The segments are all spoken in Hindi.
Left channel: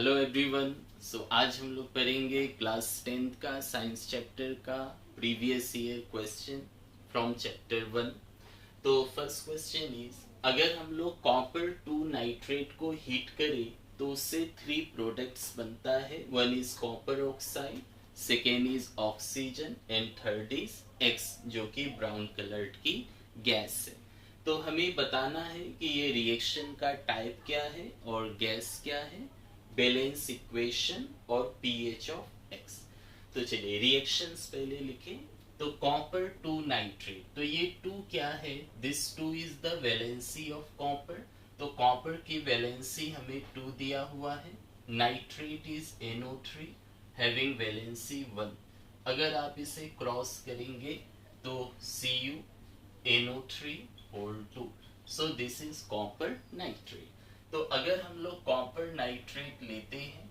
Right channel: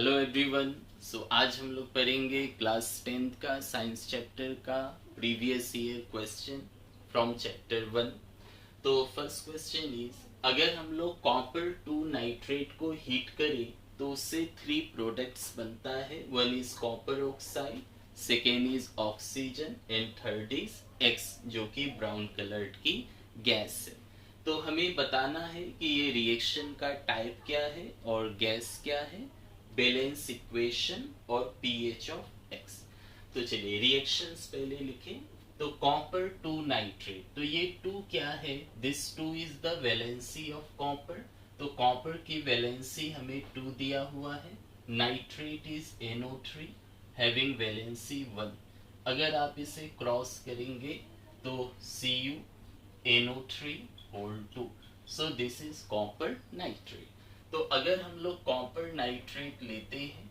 Hello everyone. आज हम लोग पढ़ेंगे क्लास 10th का साइंस चैप्टर का previous year question from chapter 1। तो फर्स्ट क्वेश्चन इज, अगर हम लोग कॉपर 2 नाइट्रेट को हीट करें तो उससे 3 प्रोडक्ट्स बनता है। One is copper oxide, second is oxygen and third is x, जो कि ब्राउन कलर्ड की गैस है। तो हमें बताना है कि ये रिएक्शन का टाइप क्या है और गैस क्या है, बैलेंस इक्वेशन और पीएच ऑफ एक्स। तो चलिए रिएक्शंस पहले लिखें। तो कॉपर 2 नाइट्रेट, तो ये 2 क्या है, this 2 is the valency of copper. तो कॉपर की वैलेंसी हमें 2 दिया हुआ है। Nitrate is NO3 having valency 1। अगर आप इसे क्रॉस करेंगे तो Cu NO3 whole 2। So this is copper nitrate. तो अगर हम लोग कॉपर नाइट्रेट लेते हैं,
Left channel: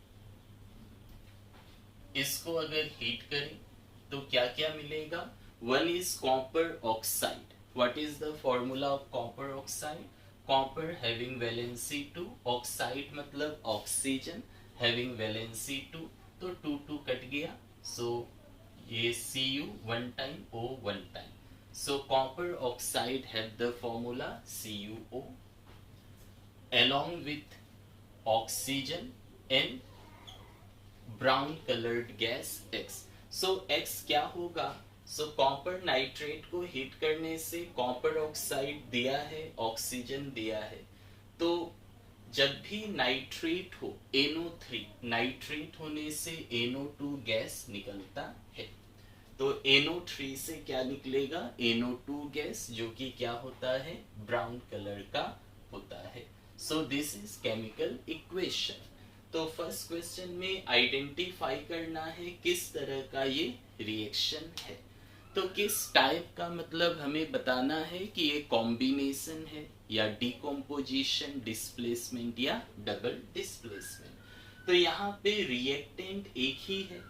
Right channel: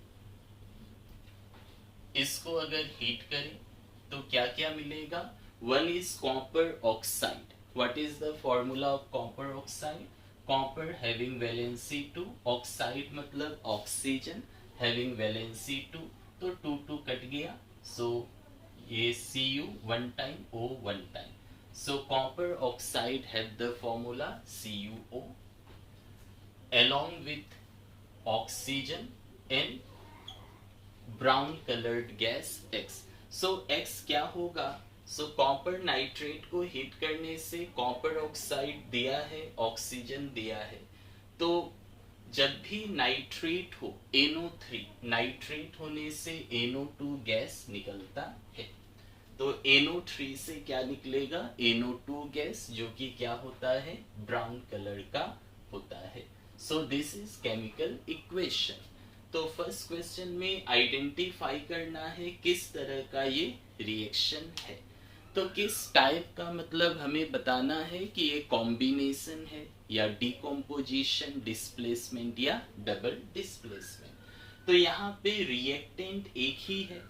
इसको अगर हीट करें तो क्या क्या मिलेगा। One is copper oxide. What is the formula of copper oxide? Copper having valency 2, oxide मतलब ऑक्सीजन हैविंग वैलेंसी 2। तो 2 2 कट गया, सो ये Cu 1 time O 1 time. So copper oxide have the formula CuO along with oxygen and brown colored gas X. So X क्या होगा? So कॉपर नाइट्रेट को हीट करने से कॉपर ऑक्साइड दिया है, ऑक्सीजन दिया है। तो जब भी नाइट्रेट हो NO3, नाइट्रेट होने से NO2 गैस निकलता है। तो NO3 से क्या निकलेगा? NO2 गैस, जो कि क्या होता है, ब्राउन कलर का होता है। सो दिस इज केमिकल इक्वेशन। तो फर्स्ट क्वेश्चन में आइडेंटिफाई करना है किस तरह का ये रिएक्शन है। तो किस टाइप का मतलब हमें बताना है कि ये कॉम्बिनेशन है या डिकम्पोजिशन, डिस्प्लेसमेंट या डबल डिस्प्लेसमेंट। तो यहाँ पे रिएक्टेंट एक ही है।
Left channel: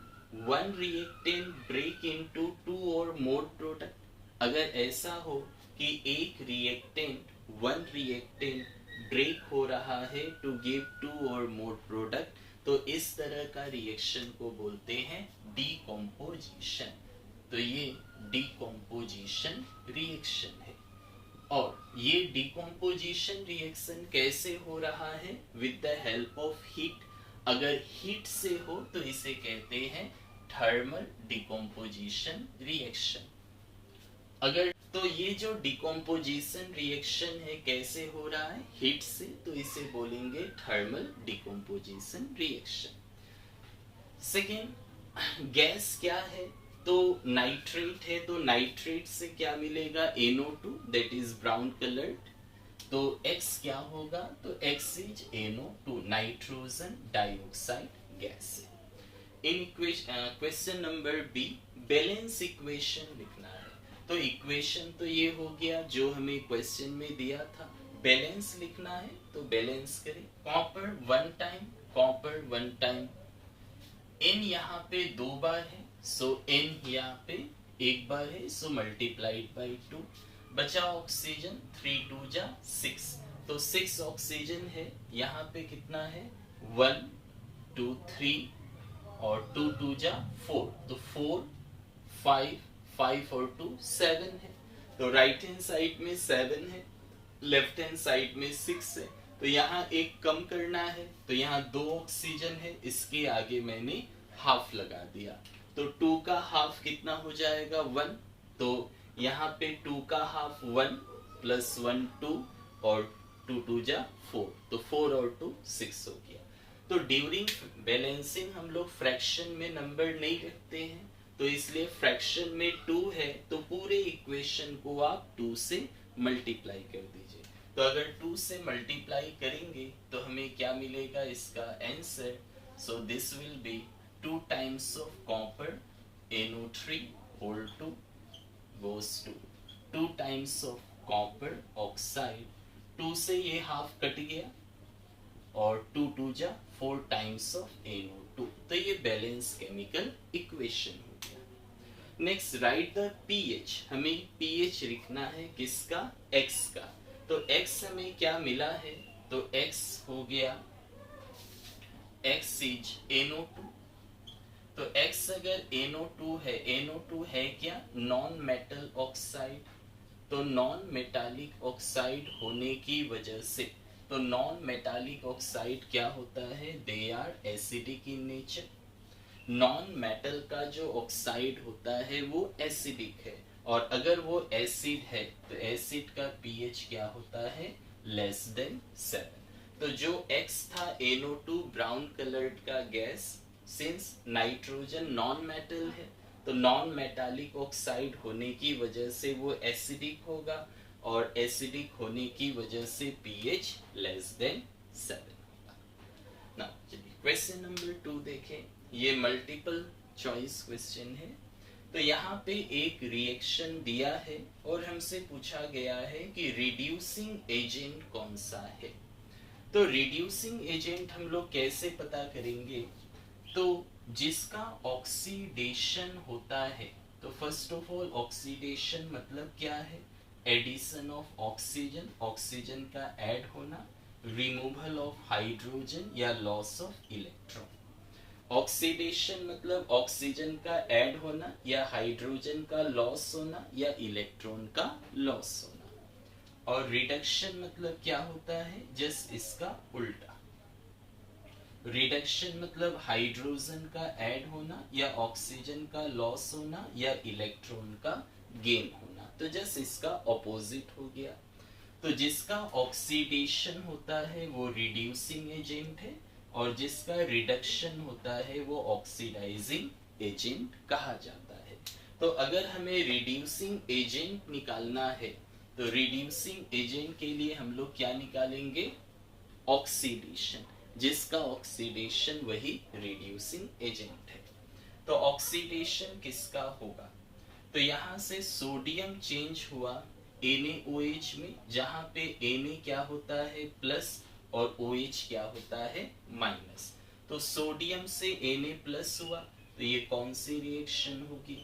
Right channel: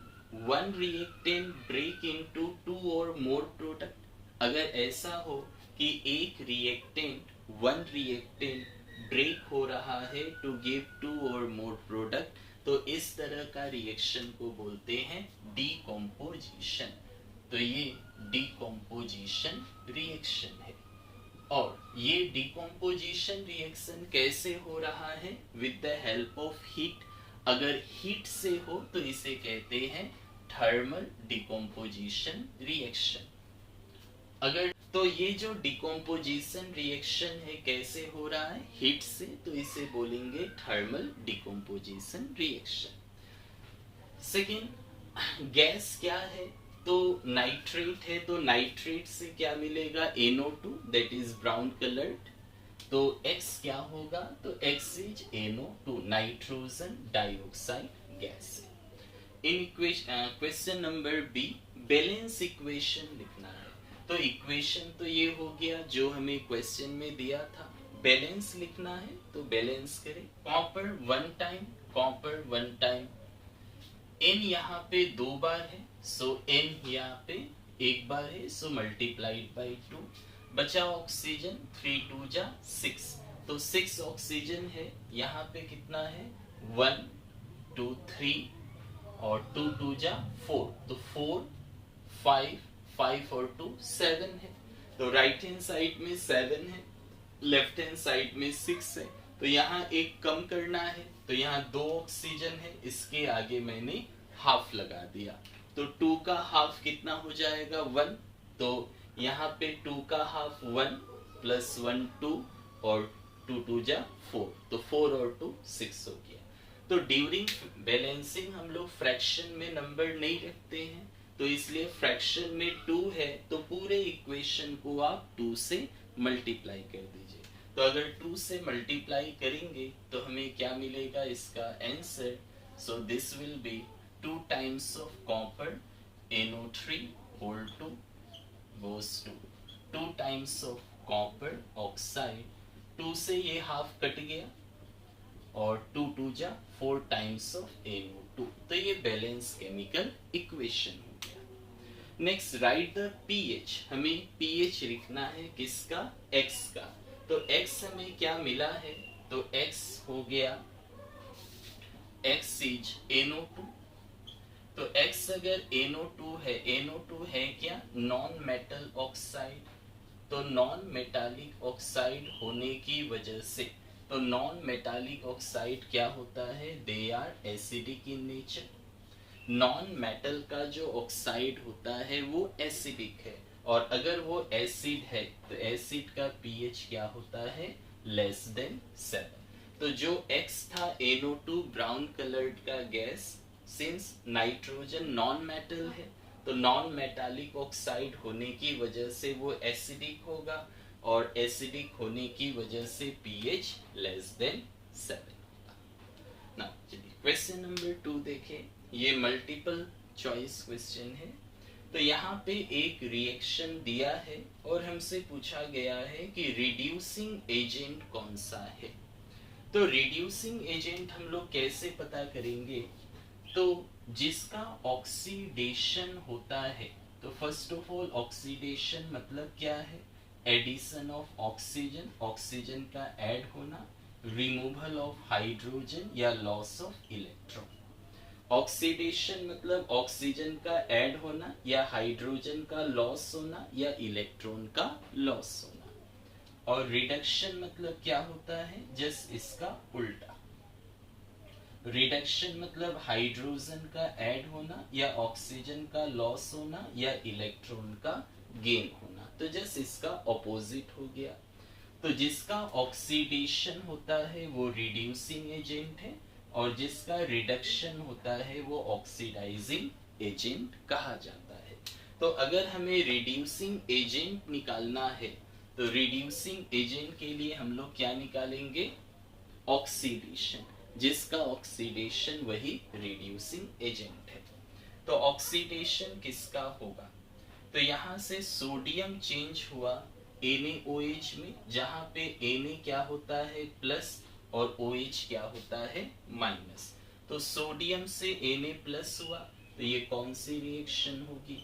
वन रिएक्टेंट ब्रेक इनटू 2 और मोर प्रोडक्ट। अगर ऐसा हो कि एक रिएक्टेंट, वन रिएक्टेंट ब्रेक हो रहा है टू गिव 2 और मोर प्रोडक्ट, तो इस तरह का रिएक्शन को बोलते हैं डिकम्पोजिशन। तो ये डिकम्पोजिशन रिएक्शन है। और ये डिकम्पोजिशन रिएक्शन कैसे हो रहा है? With the help of heat. अगर हीट से हो तो इसे कहते हैं थर्मल डिकम्पोजिशन रिएक्शन। अगर तो ये जो डिकम्पोजिशन रिएक्शन है कैसे हो रहा है? हीट से, तो इसे बोलेंगे thermal decomposition reaction. Second, gas क्या है? तो नाइट्रेट है, तो नाइट्रेट से क्या मिलेगा? NO2 that is brown coloured. तो X क्या होगा? तो X is NO2 nitrogen dioxide gas. In question number B, balance equation लिखना है। तो इक्वेशन तो ये हो गया जो हमें क्वेश्चन में दिया था। बैलेंस लिखना है तो बैलेंस करें। Copper 1 time, copper 1 time. N यहाँ पे 2 बार है, सो N यहाँ पे 1 बार है, सो मल्टीप्लाइड बाई 2। बचा ऑक्सीजन, 3 2 जा 6, तो 6 ऑक्सीजन है। यहाँ पे कितना है? 1 2 3 और 2 2 जा 4, तो 4 5 5 और 2 7 है। तो राइट हैंड साइड में 7 है, लेफ्ट हैंड साइड में 6 है। तो यहाँ एक कम करना है, तो यहाँ 2 ऑक्सीजन है, इसके आगे मैंने हाफ लगा दिया। तो 2 का हाफ कितना हो जाएगा? 1। तो यहाँ पे 2 का हाफ 1 प्लस 1 2 और 2 2 जा 4, तो 4 और 2 6 हो गया। तो ड्यूरिंग बैलेंसिंग हम लोग फ्रैक्शन में नंबर नहीं रखते हैं, तो इसलिए फ्रैक्शन में 2 है तो पूरे इक्वेशन को आप 2 से मल्टीप्लाई कर दीजिए। तो अगर 2 से मल्टीप्लाई करेंगे तो हमें क्या मिलेगा इसका answer? So this will be 2 times of copper NO3 whole 2 goes to 2 times of copper oxide. 2 से ये हाफ कट गया और 2 2 जा 4 टाइम्स ऑफ NO2। तो ये बैलेंस केमिकल इक्वेशन हो गया। Next, right the pH। हमें pH लिखना है किसका? X का। तो X हमें क्या मिला है? तो X हो गया X इज NO2। तो X अगर NO2 है, NO2 है क्या? Non metal oxide. तो नॉन मेटालिक ऑक्साइड होने की वजह से, तो नॉन मेटालिक ऑक्साइड क्या होता है? They are acidic in nature. Non metal का जो ऑक्साइड होता है वो एसिडिक है, और अगर वो एसिड है तो एसिड का पीएच क्या होता है? Less than 7। तो जो X था NO2 ब्राउन कलर्ड का gas, since nitrogen non metal है तो नॉन मेटालिक ऑक्साइड होने की वजह से वो एसिडिक होगा, और एसिडिक होने की वजह से पीएच लेस देन 7। नाउ चलिए क्वेश्चन नंबर 2 देखें। ये मल्टीपल चॉइस क्वेश्चन है। तो यहाँ पे एक रिएक्शन दिया है और हमसे पूछा गया है कि रिड्यूसिंग एजेंट कौन सा है। तो रिड्यूसिंग एजेंट हम लोग कैसे पता करेंगे? तो जिसका ऑक्सीडेशन होता है, तो फर्स्ट ऑफ ऑल ऑक्सीडेशन मतलब क्या है? एडिशन ऑफ ऑक्सीजन, ऑक्सीजन का ऐड होना, रिमूवल ऑफ हाइड्रोजन या लॉस ऑफ इलेक्ट्रॉन। ऑक्सीडेशन मतलब ऑक्सीजन का ऐड होना या हाइड्रोजन का लॉस होना या इलेक्ट्रॉन का लॉस होना। और रिडक्शन मतलब क्या होता है? जस्ट इसका उल्टा। रिडक्शन मतलब हाइड्रोजन का ऐड होना या ऑक्सीजन का लॉस होना या इलेक्ट्रॉन का गेन होना। तो जस्ट इसका ऑपोजिट हो गया। तो जिसका ऑक्सीडेशन होता है वो रिड्यूसिंग एजेंट है, और जिसका रिडक्शन होता है वो ऑक्सीडाइजिंग एजेंट कहा जाता है। तो अगर हमें रिड्यूसिंग एजेंट निकालना है, तो रिड्यूसिंग एजेंट के लिए हम लोग क्या निकालेंगे? ऑक्सीडेशन। जिसका ऑक्सीडेशन वही रिड्यूसिंग एजेंट है। तो ऑक्सीडेशन किसका होगा? तो यहां से सोडियम चेंज हुआ NaOH में, जहां पे Na क्या होता है? प्लस, और OH क्या होता है? माइनस। तो सोडियम से Na प्लस हुआ, तो ये कौन सी रिएक्शन होगी?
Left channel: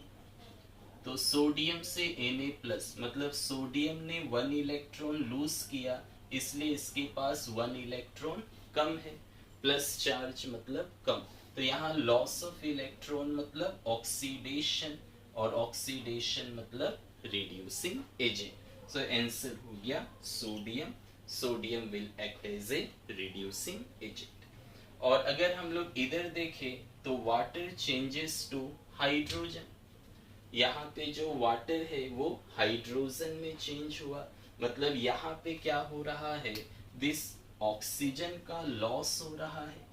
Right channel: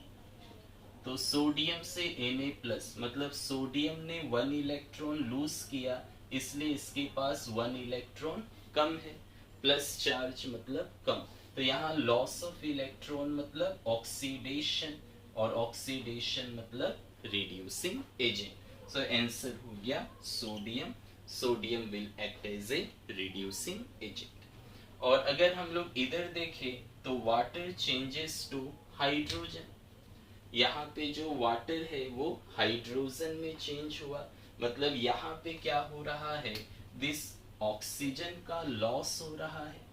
तो सोडियम से Na प्लस मतलब सोडियम ने 1 इलेक्ट्रॉन लूज किया, इसलिए इसके पास 1 इलेक्ट्रॉन कम है। प्लस चार्ज मतलब कम, तो यहाँ लॉस ऑफ इलेक्ट्रॉन मतलब ऑक्सीडेशन, और ऑक्सीडेशन मतलब रिड्यूसिंग एजेंट। सो आंसर हो गया sodium. Sodium will act as a reducing agent. और अगर हम लोग इधर देखें तो वाटर चेंजेस टू हाइड्रोजन। यहाँ पे जो वाटर है वो हाइड्रोजन में चेंज हुआ, मतलब यहाँ पे क्या हो रहा है? दिस ऑक्सीजन का लॉस हो रहा है,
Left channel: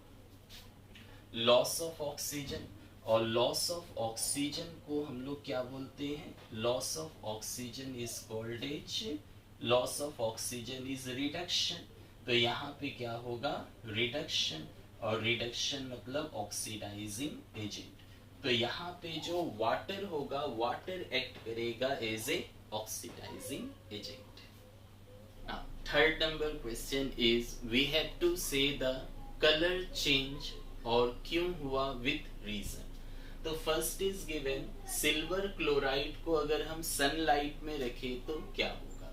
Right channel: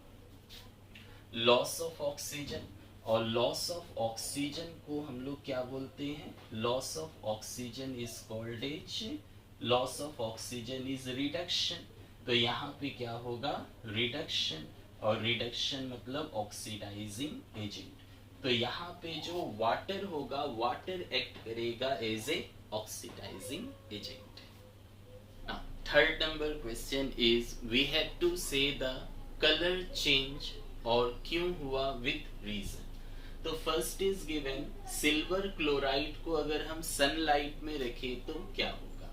लॉस ऑफ ऑक्सीजन। और लॉस ऑफ ऑक्सीजन को हम लोग क्या बोलते हैं? Loss of oxygen is called as, loss of oxygen is reduction. तो यहाँ पे क्या होगा? रिडक्शन, और रिडक्शन मतलब ऑक्सीडाइजिंग एजेंट। तो यहाँ पे जो वाटर होगा, वाटर एक्ट करेगा as a oxidizing agent. Third number question is we have to say the colour change, और क्यों हुआ विथ रीजन। तो first is given silver chloride को अगर हम सनलाइट में रखें तो क्या होगा?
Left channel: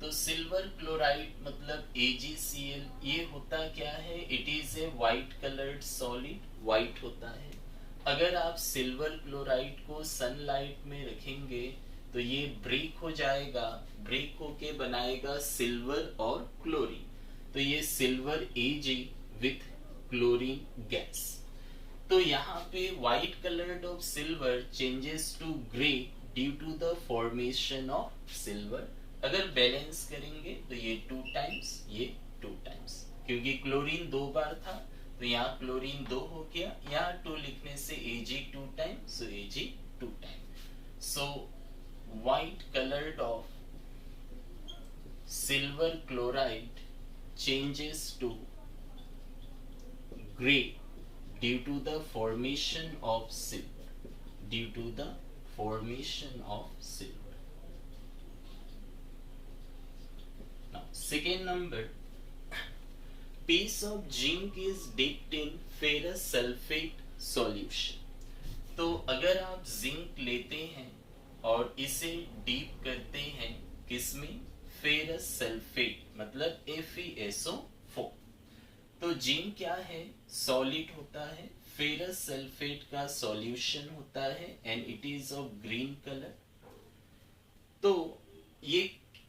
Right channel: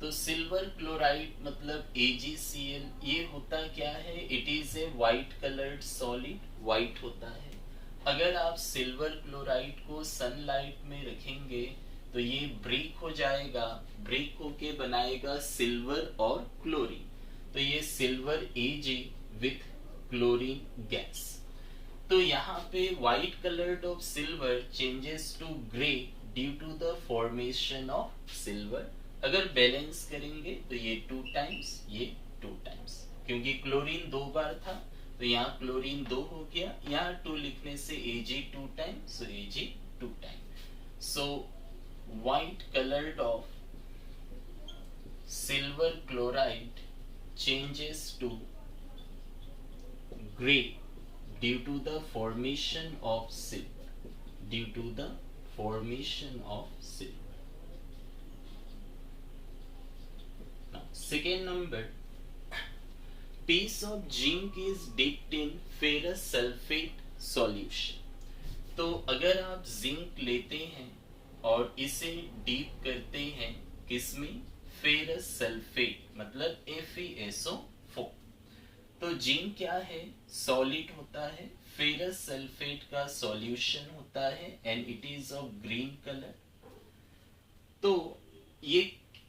तो सिल्वर क्लोराइड मतलब AgCl, ये होता क्या है? It is a white coloured solid, white होता है। अगर आप सिल्वर क्लोराइड को सनलाइट में रखेंगे तो ये ब्रेक हो जाएगा, ब्रेक होके बनाएगा सिल्वर और क्लोरीन। तो ये silver Ag with chlorine gas. तो यहाँ पे white coloured of silver changes to grey due to the formation of silver. अगर बैलेंस करेंगे तो ये 2 टाइम्स, ये 2 टाइम्स, क्योंकि क्लोरीन 2 बार था तो यहाँ क्लोरीन 2 हो गया, यहाँ 2 लिखने से Ag 2 times, so Ag 2 times. So white colored of silver chloride changes to gray due to the formation of silver, due to the formation of silver. Now second number, piece of zinc is dipped in ferrous sulfate solution. तो अगर आप जिंक लेते हैं और इसे डीप करते हैं किसमें? फेरस सल्फेट मतलब FeSO4। तो जिंक क्या है, सॉलिड होता है, फेरस सल्फेट का सॉल्यूशन होता है and it is of green colour. तो ये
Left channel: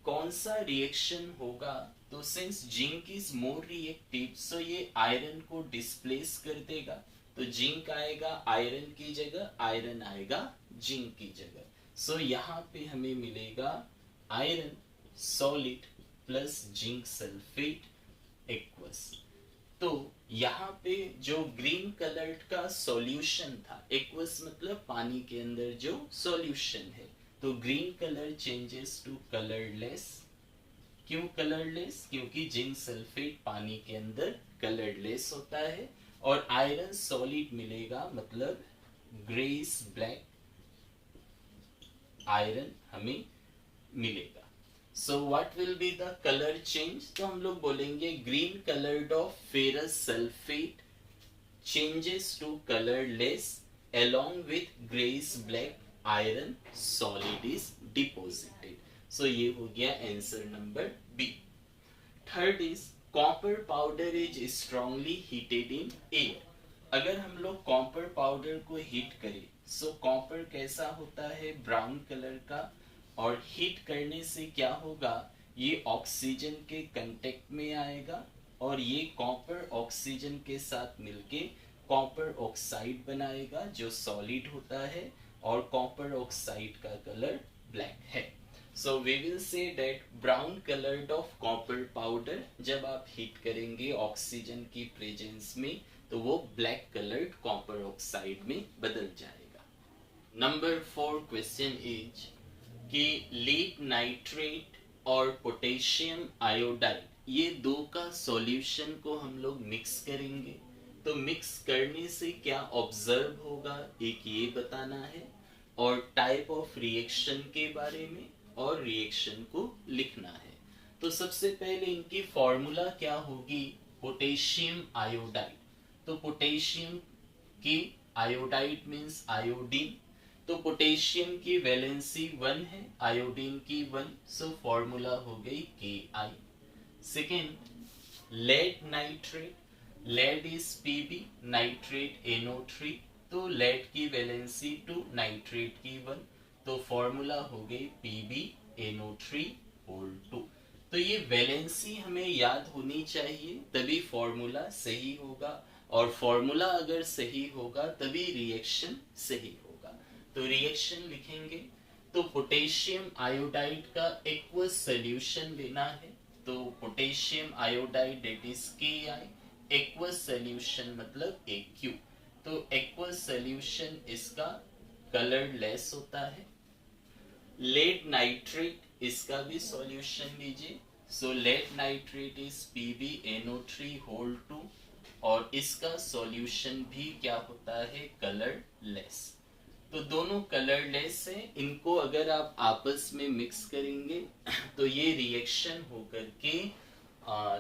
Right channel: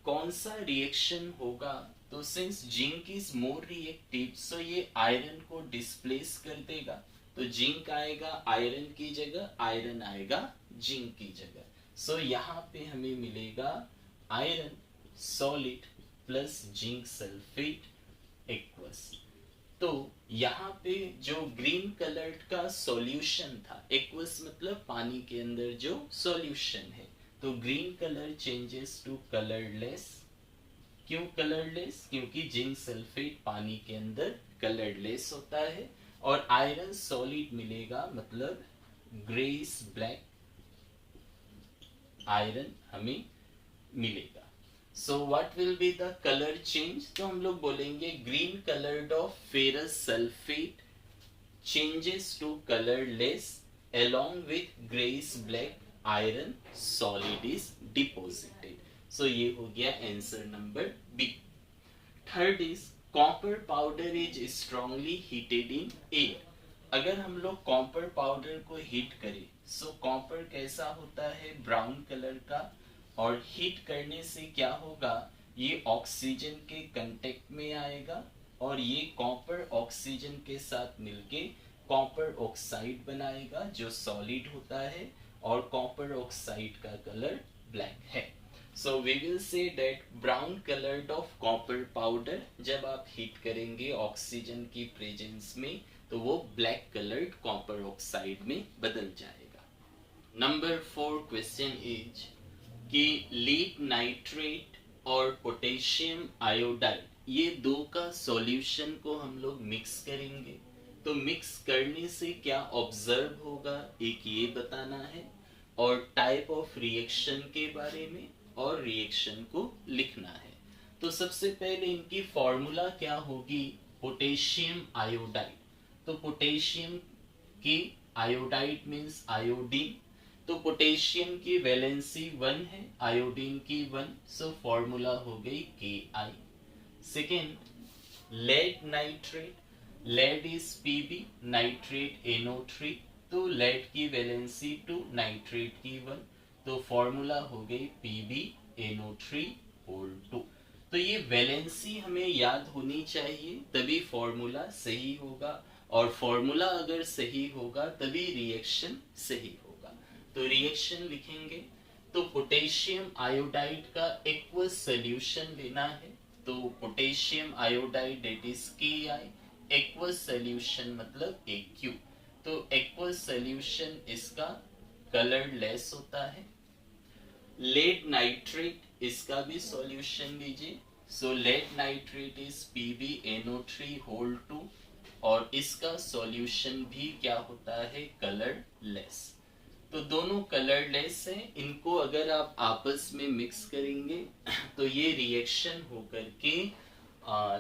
कौन सा रिएक्शन होगा, तो since zinc is more reactive so ये आयरन को डिस्प्लेस कर देगा, तो जिंक आएगा आयरन की जगह, आयरन आएगा जिंक की जगह। सो यहाँ पे हमें मिलेगा iron solid plus zinc sulphate aqueous. तो यहाँ पे जो ग्रीन कलर का सॉल्यूशन था, एक्वस मतलब पानी के अंदर जो सॉल्यूशन है, तो green colour changes to colourless. क्यों कलरलेस, क्योंकि जिंक सल्फेट पानी के अंदर कलरलेस होता है। और आयरन सॉलिड मिलेगा मतलब ग्रेस ब्लैक आयरन हमें मिलेगा। So what will be the colour change, तो हम लोग बोलेंगे green coloured of ferrous sulphate changes to colourless along with grayish black iron solid is deposited. So ये हो गया answer number B. Third is copper powder is strongly heated in air. अगर हम लोग कॉपर पाउडर को हीट करें, सो कॉपर कैसा होता है, ब्राउन कलर का, और हीट करने से क्या होगा, ये ऑक्सीजन के कांटेक्ट में आएगा और ये कॉपर ऑक्सीजन के साथ मिलके कॉपर ऑक्साइड बनाएगा जो सॉलिड होता है, और कॉपर ऑक्साइड का कलर ब्लैक है। So we will say that brown coloured of copper powder जब आप हीट करेंगे ऑक्सीजन की प्रेजेंस में, तो वो ब्लैक कलर्ड कॉपर ऑक्साइड में बदल जाएगा। नंबर 4 क्वेश्चन इज कि लीड नाइट्रेट और पोटेशियम आयोडाइड, ये दो का सॉल्यूशन को हम लोग मिक्स करेंगे, तो मिक्स करने से क्या ऑब्जर्व होगा, एक ये बताना है, और टाइप ऑफ रिएक्शन के बारे में, और रिएक्शन को लिखना है। तो सबसे पहले इनकी फॉर्मूला क्या होगी, पोटेशियम आयोडाइड। तो पोटेशियम की आयोडाइड मींस आयोडीन, तो पोटेशियम की वैलेंसी 1 है, आयोडीन की 1, सो फॉर्मूला हो गई Ki। Second lead nitrate, lead is Pb, nitrate NO3, तो लेड की वैलेंसी 2, नाइट्रेट की 1, तो फॉर्मूला हो गई PbNO3 होल 2। तो ये वैलेंसी हमें याद होनी चाहिए, तभी फॉर्मूला सही होगा, और फॉर्मूला अगर सही होगा तभी रिएक्शन सही होगा। तो रिएक्शन लिखेंगे, तो पोटेशियम आयोडाइड का एक्वस सॉल्यूशन लेना है, तो potassium iodide that is Ki, aqueous solution मतलब AQ, तो एक्वस सॉल्यूशन इसका कलरलेस होता है। लेड नाइट्रेट, इसका भी सॉल्यूशन लीजिए, so lead nitrate is PbNO3 whole 2, और इसका सॉल्यूशन भी क्या होता है, कलरलेस। तो दोनों कलरलेस हैं, इनको अगर आप आपस में मिक्स करेंगे तो ये रिएक्शन होकर के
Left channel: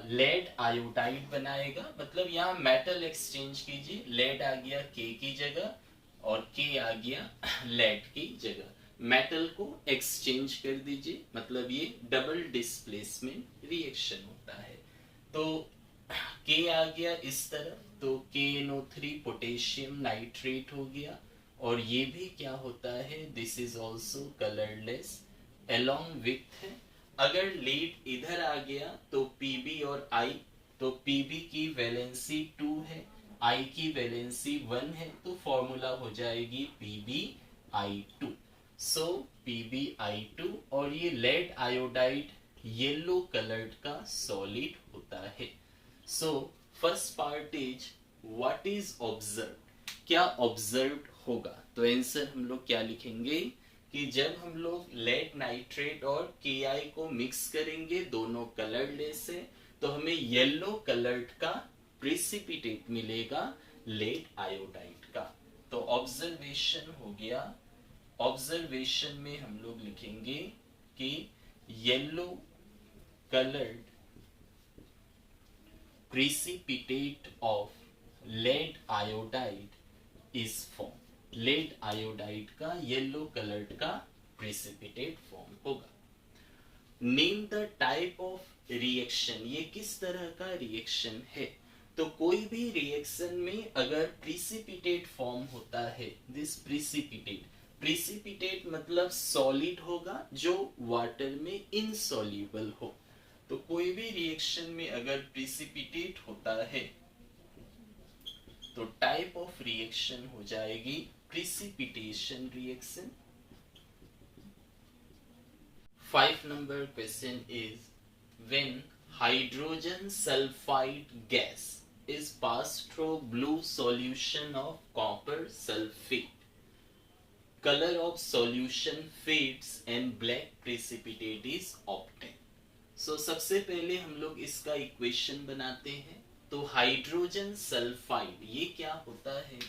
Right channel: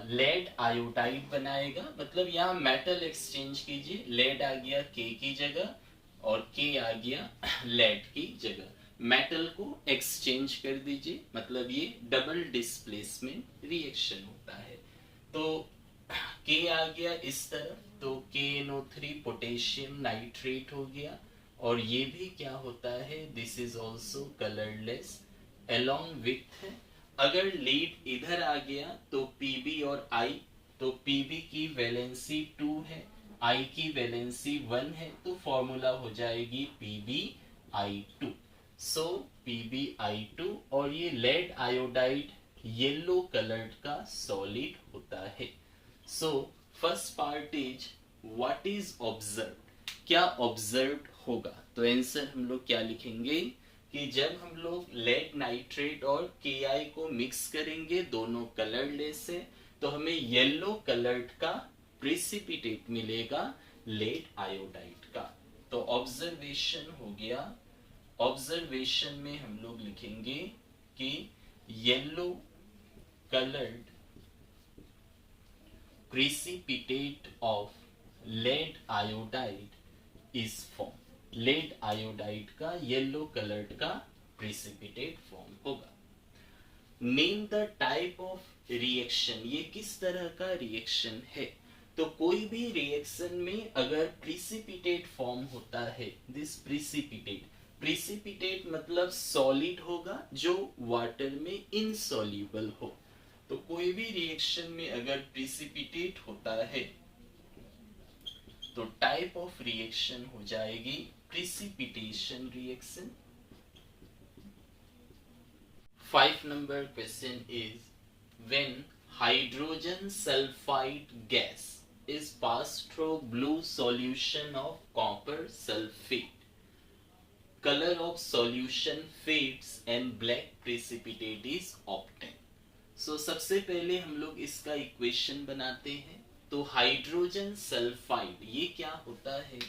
लेड आयोडाइड बनाएगा। मतलब यहाँ मेटल एक्सचेंज कीजिए, लेड आ गया K की जगह और K आ गया लेड की जगह, मेटल को एक्सचेंज कर दीजिए, मतलब ये डबल डिस्प्लेसमेंट रिएक्शन होता है। तो K आ गया इस तरफ, तो KNO3 पोटेशियम नाइट्रेट हो गया, और ये भी क्या होता है, this is also colourless along with. अगर लीड इधर आ गया तो Pb और I, तो Pb की वैलेंसी 2 है, I की वैलेंसी 1 है, तो फॉर्मूला हो जाएगी PbI2, सो PbI2, और ये लेड आयोडाइड येलो कलर्ड का सॉलिड होता है। So first part is what is observe, क्या ऑब्जर्व होगा, तो आंसर हम लोग क्या लिखेंगे कि जब हम लोग लेड नाइट्रेट और Ki को मिक्स करेंगे, दोनों कलरलेस है, तो हमें येलो कलर्ड का प्रेसिपिटेट मिलेगा लेड आयोडाइड का। तो ऑब्जर्वेशन हो गया, ऑब्जर्वेशन में हम लोग लिखेंगे कि yellow coloured precipitate of lead iodide is form, lead iodide का येलो कलर्ड का प्रेसिपिटेट फॉर्म होगा। Name the type of reaction, ये किस तरह का रिएक्शन है, तो कोई भी रिएक्शन में अगर प्रिसिपिटेट फॉर्म होता है, दिस प्रिसिपिटेट मतलब सॉलिड होगा जो वाटर में इनसॉल्युबल हो। तो कोई भी रिएक्शन में अगर प्रिसिपिटेट होता है तो टाइप ऑफ रिएक्शन हो जाएगी precipitation reaction. 5 number question is, when hydrogen sulfide gas is passed through blue solution of copper sulfate, color of solution fades and black precipitate is obtained. So सबसे पहले हम लोग इसका इक्वेशन बनाते हैं। तो हाइड्रोजन सल्फाइड ये क्या होता है?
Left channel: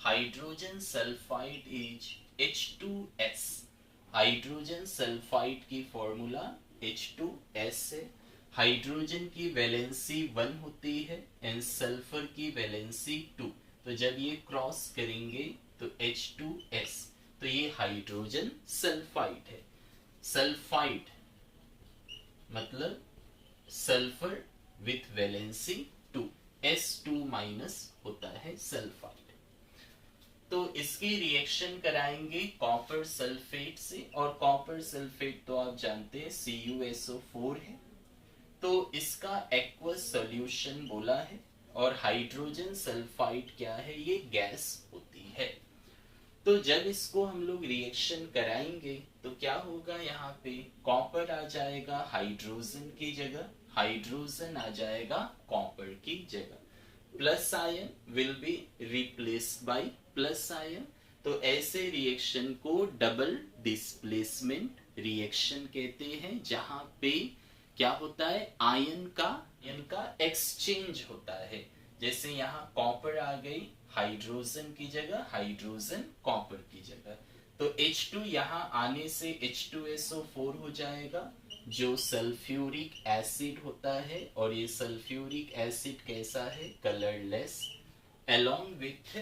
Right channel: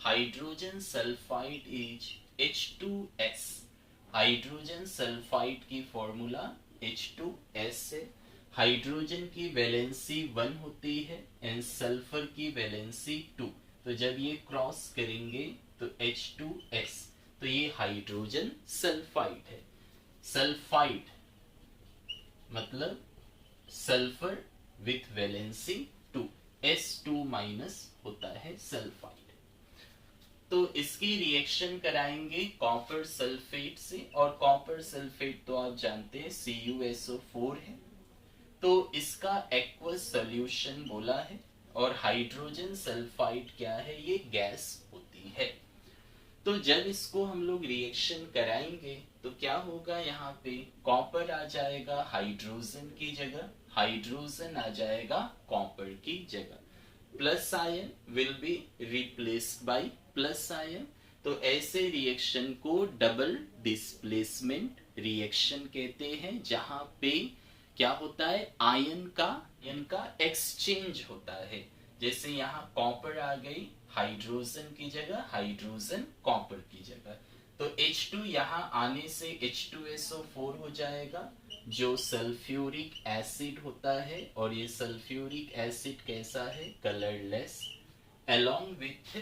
Hydrogen sulphide is H2S। Hydrogen sulphide की फॉर्मूला H2S है। हाइड्रोजन की वैलेंसी 1 होती है एंड सल्फर की वैलेंसी 2। तो जब ये क्रॉस करेंगे तो H2S, तो ये हाइड्रोजन सल्फाइड है। सल्फाइड मतलब sulphur with valency 2, S2 minus होता है सल्फाइड। तो इसकी रिएक्शन कराएंगे कॉपर सल्फेट से, और कॉपर सल्फेट तो आप जानते हैं CuSO4 है। तो इसका एक्वस सॉल्यूशन बोला है, और हाइड्रोजन सल्फाइड क्या है? ये गैस होती है। तो जब इसको हम लोग रिएक्शन कराएंगे तो क्या होगा? यहाँ पे कॉपर आ जाएगा हाइड्रोजन की जगह, हाइड्रोजन आ जाएगा कॉपर की जगह। Plus ion will be replaced by plus ion. तो ऐसे रिएक्शन को डबल डिस्प्लेसमेंट रिएक्शन कहते हैं, जहां पे क्या होता है? आयन का एक्सचेंज होता है। जैसे यहाँ कॉपर आ गई हाइड्रोजन की जगह, हाइड्रोजन कॉपर की जगह। तो H2 यहाँ आने से H2SO4 हो जाएगा, जो सल्फ्यूरिक एसिड होता है, और ये सल्फ्यूरिक एसिड कैसा है? कलरलेस। अलोंग विथ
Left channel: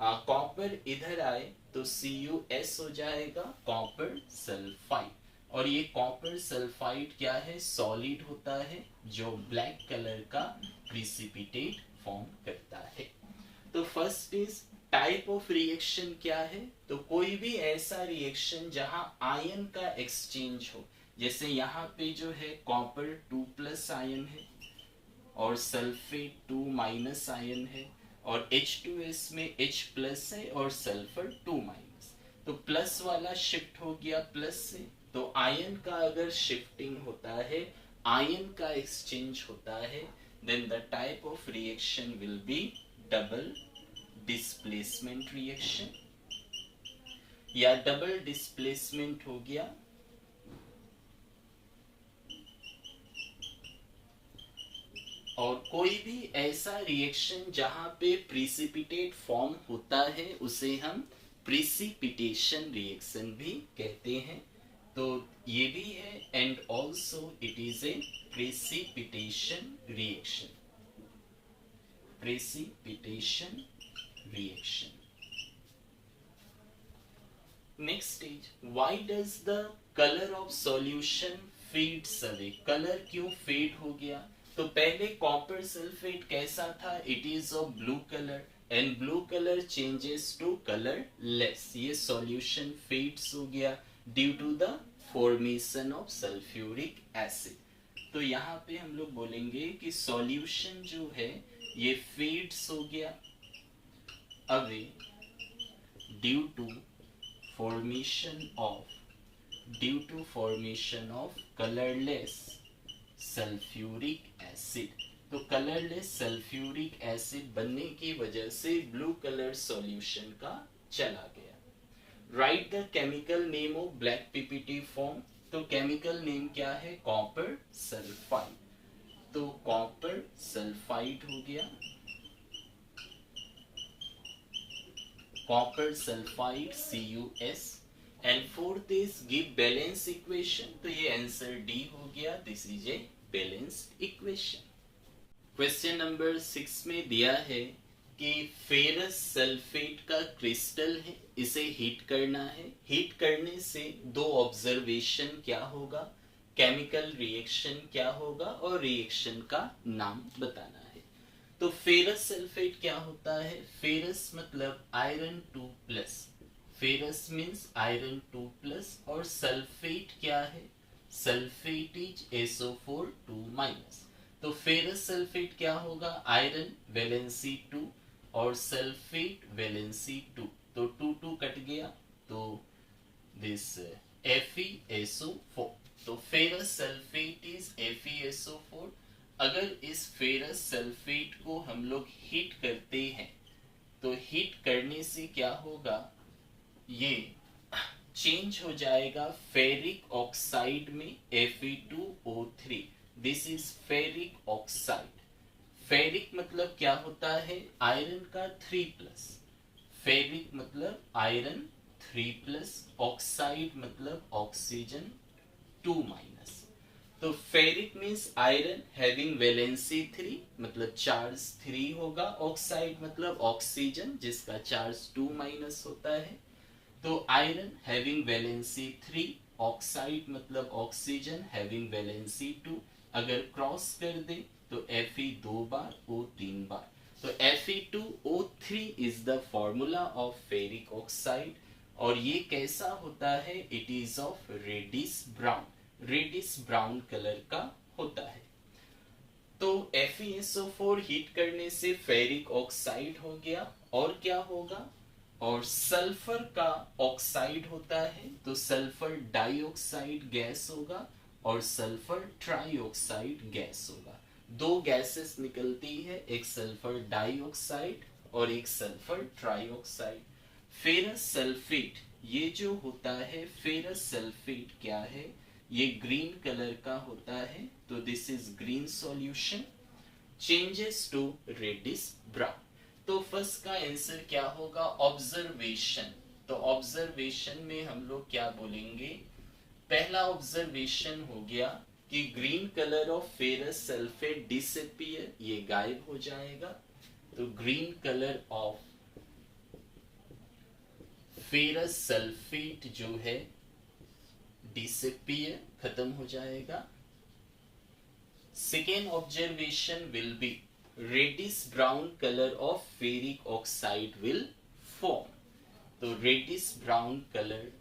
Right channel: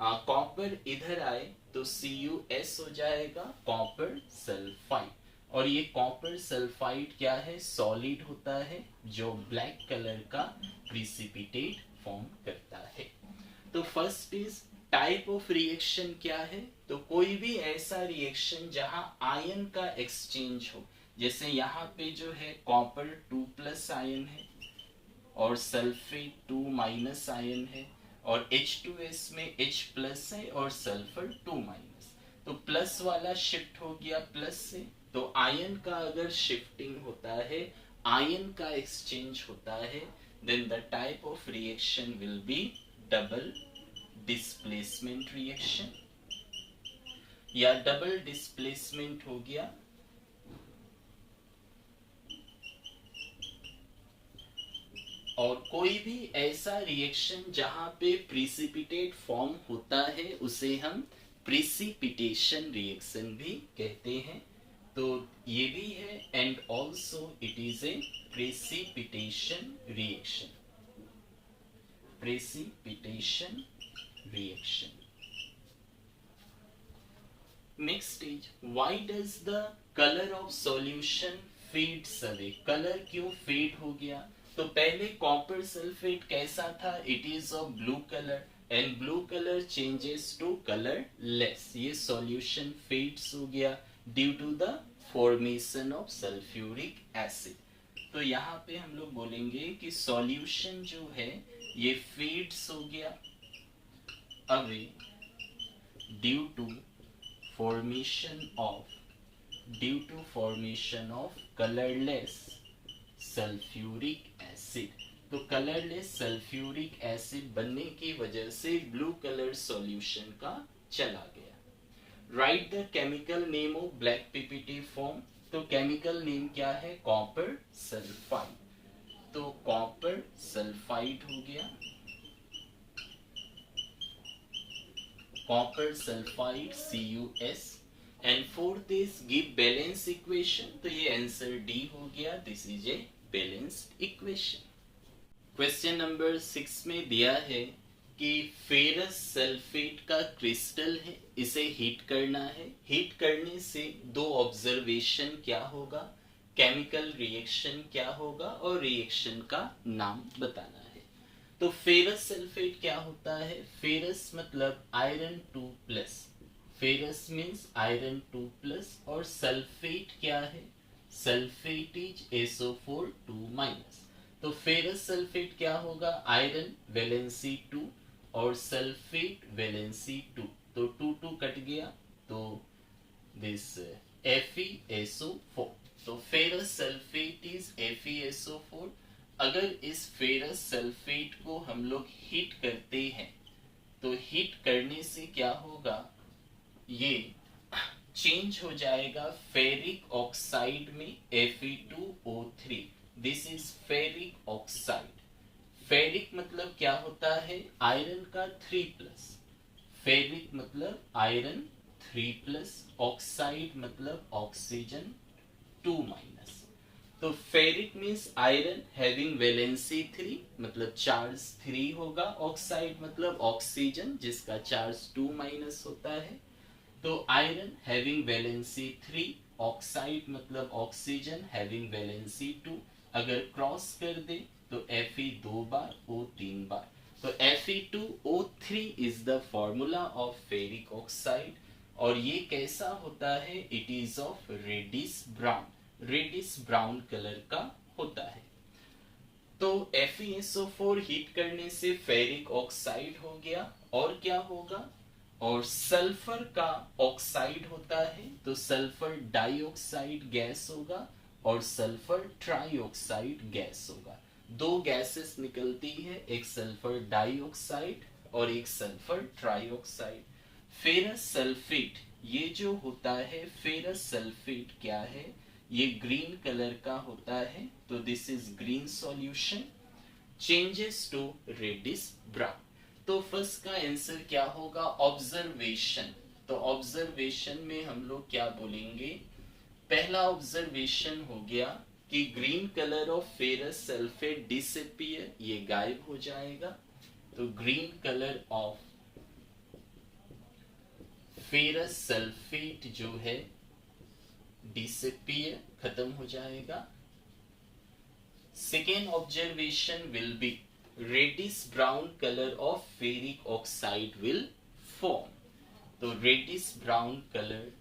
कॉपर इधर आए तो CuS हो जाएगा कॉपर सल्फाइड, और ये कॉपर सल्फाइड क्या है? सॉलिड होता है जो ब्लैक कलर का प्रिसिपिटेट फॉर्म करता है। तो first is type of reaction क्या है? तो कोई भी ऐसा रिएक्शन जहां आयन का एक्सचेंज हो, जैसे यहाँ पे जो है कॉपर 2+ आयन है और सल्फेट 2- आयन है, और H2S में H+ है और सल्फर 2-। तो प्लस वाला शिफ्ट हो गया प्लस से। तो आयन का अगर शिफ्टिंग होता है, आयन का एक्सचेंज होता है, then the type of reaction will be double displacement reaction, या डबल डिस्प्लेसमेंट हो गया और कोई भी ऐसा रिएक्शन जहां पे प्रिसिपिटेट फॉर्म होता है उसे हम प्रिसिपिटेशन रिएक्शन भी कहते हैं। तो ये भी है, and also it is a precipitation reaction. Precipitation reaction. Next is, why does the colour of solution fades away? Colour क्यों फेड हो गया? तो पहले कॉपर सल्फेट कैसा था? It is of blue colour, and blue colour changes to colourless. ये सॉल्यूशन फेड्स हो गया due to the formation of sulphuric acid. तो यहाँ पे हम लोग बोलेंगे कि सॉल्यूशन जो है ये फेड्स हो गया away due to formation of colourless sulphuric acid. तो कलरलेस सल्फ्यूरिक एसिड बनने की वजह से ब्लू कलर सॉल्यूशन का चला गया। Right the chemical name of black PPT form. तो केमिकल नेम क्या है? Copper sulphide. तो कॉपर सल्फाइड हो गया, copper sulphide CuS। And fourth is give balance equation. तो ये आंसर डी हो गया, this is a balanced equation. Question number 6 में दिया है कि फेरस सल्फेट का क्रिस्टल है, इसे हीट करना है। हीट करने से दो ऑब्जर्वेशन क्या होगा, केमिकल रिएक्शन क्या होगा, और रिएक्शन का नाम बताना है। तो फेरस सल्फेट क्या होता है? फेरस मतलब आयरन 2+, फेरस मीन्स आयरन 2+, और सल्फेट क्या है? Sulphate is SO4 2-। तो फेरस सल्फेट क्या होगा? आयरन वैलेंसी 2 और सल्फेट वैलेंसी 2, तो 2 कट गया, तो दिस FeSO4, तो फेरस सल्फेट इज FeSO4। अगर इस फेरस सल्फेट को हम लोग हीट करते हैं तो हीट करने से क्या होगा? ये चेंज हो जाएगा फेरिक ऑक्साइड में Fe2O3। This is ferric oxide. Ferric मतलब क्या होता है? आयरन का 3+, फेरिक मतलब आयरन 3+, ऑक्साइड मतलब ऑक्सीजन 2-। तो ferric means iron having valency 3, मतलब चार्ज 3 होगा, ऑक्साइड मतलब ऑक्सीजन जिसका चार्ज 2- होता है। तो आयरन हैविंग वैलेंसी 3, ऑक्साइड मतलब ऑक्सीजन हैविंग वैलेंसी 2, अगर क्रॉस कर दे तो Fe 2 बार, O 3 बार, तो Fe2O3 is the formula of ferric oxide. और ये कैसा होता है? It is of reddish brown, reddish brown colour का होता है। तो FeSO4 हीट करने से फेरिक ऑक्साइड हो गया, और क्या होगा? और सल्फर का ऑक्साइड होता है, तो सल्फर डाइऑक्साइड गैस होगा और सल्फर ट्राइऑक्साइड गैस होगा। दो गैसेस निकलती है, एक सल्फर डाइऑक्साइड और एक सल्फर ट्राइऑक्साइड। फेरस सल्फेट ये जो होता है, फेरस सल्फेट क्या है? ये ग्रीन कलर का होता है, तो this is green solution, changes to reddish brown. तो फर्स्ट का आंसर क्या होगा? ऑब्जर्वेशन। तो ऑब्जर्वेशन में हम लोग क्या बोलेंगे? पहला ऑब्जर्वेशन हो गया कि green colour of ferrous sulphate disappear, ये गायब हो जाएगा। तो green colour of ferrous sulphate जो है डिसअपियर, खत्म हो जाएगा। Second observation will be reddish brown colour of ferric oxide will form. तो reddish brown colour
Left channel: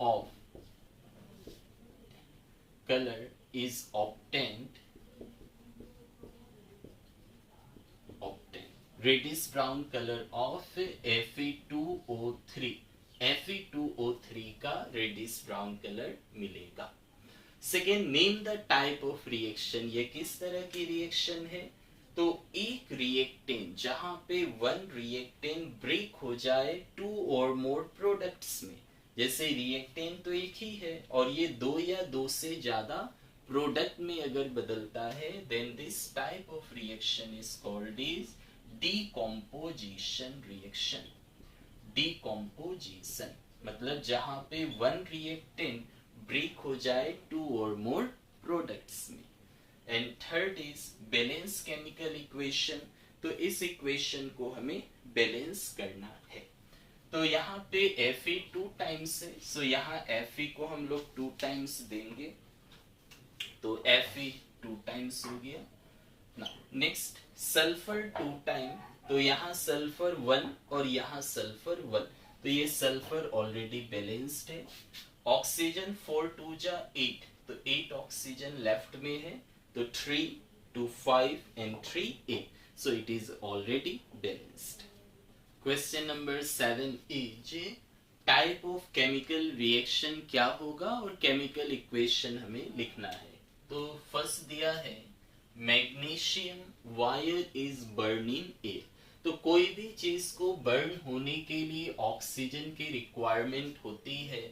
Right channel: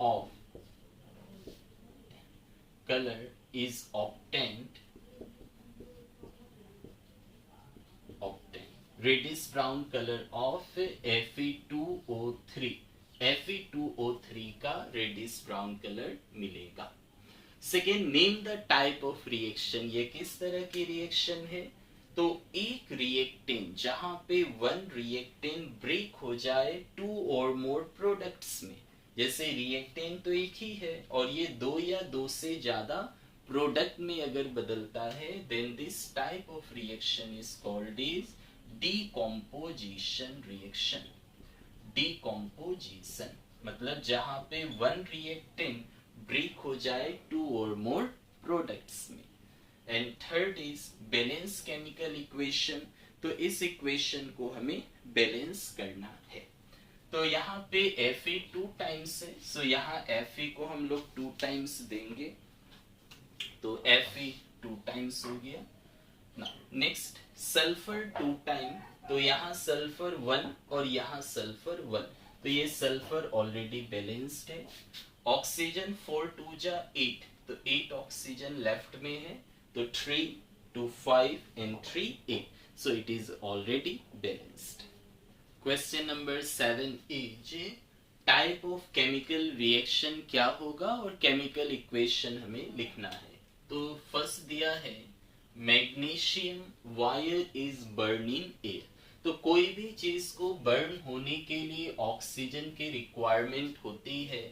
of color is obtained reddish brown color of Fe2O3, Fe2O3 का reddish brown color मिलेगा। Second, name the type of reaction, ये किस तरह की रिएक्शन है? तो एक रिएक्टेंट जहां पे वन रिएक्टेंट ब्रेक हो जाए टू और मोर प्रोडक्ट्स में, जैसे रिएक्टेंट तो एक ही है और ये दो या दो से ज्यादा प्रोडक्ट में अगर बदलता है, then this type of reaction is called is decomposition reaction. Decomposition मतलब जहां पे वन रिएक्टेंट ब्रेक हो जाए टू और मोर प्रोडक्ट्स में। And third is balance chemical equation. तो इस इक्वेशन को हमें बैलेंस करना है। तो यहाँ पे Fe 2 टाइम्स है, सो यहाँ Fe को हम लोग 2 टाइम्स देंगे, तो Fe 2 टाइम्स हो गया ना। नेक्स्ट सल्फर 2 टाइम, तो यहाँ सल्फर 1 और यहाँ सल्फर 1, तो ये सल्फर ऑलरेडी बैलेंस्ड है। ऑक्सीजन 4 2 जा 8, तो 8 ऑक्सीजन लेफ्ट में है, तो 3 2 5 and 3 8, so it is already balanced. Question number 7 is type of chemical reaction क्या होगा और केमिकल इक्वेशन हमें लिखना है। तो फर्स्ट दिया है magnesium wire is burning air. तो कोई भी चीज को बर्न होने के लिए ऑक्सीजन की रिक्वायरमेंट होती है,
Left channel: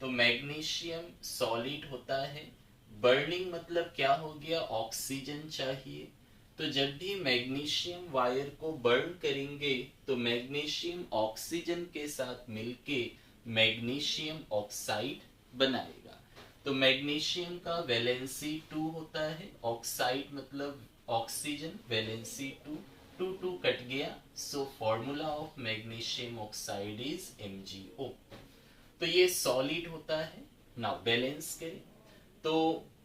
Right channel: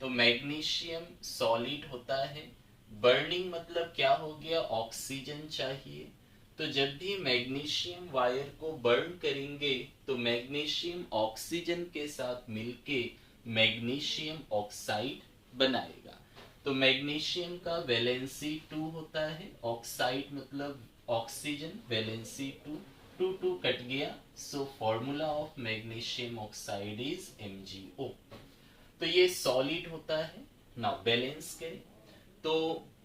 तो मैग्नीशियम सॉलिड होता है। बर्निंग मतलब क्या हो गया? ऑक्सीजन चाहिए। तो जब भी मैग्नीशियम वायर को बर्न करेंगे तो मैग्नीशियम ऑक्सीजन के साथ मिलके मैग्नीशियम ऑक्साइड बनाएगा। तो मैग्नीशियम का वैलेंसी 2 होता है, ऑक्साइड मतलब ऑक्सीजन, वैलेंसी 2, 2 2 कट गया, so formula of magnesium oxide is MgO। तो ये सॉलिड होता है। नाउ बैलेंस करें तो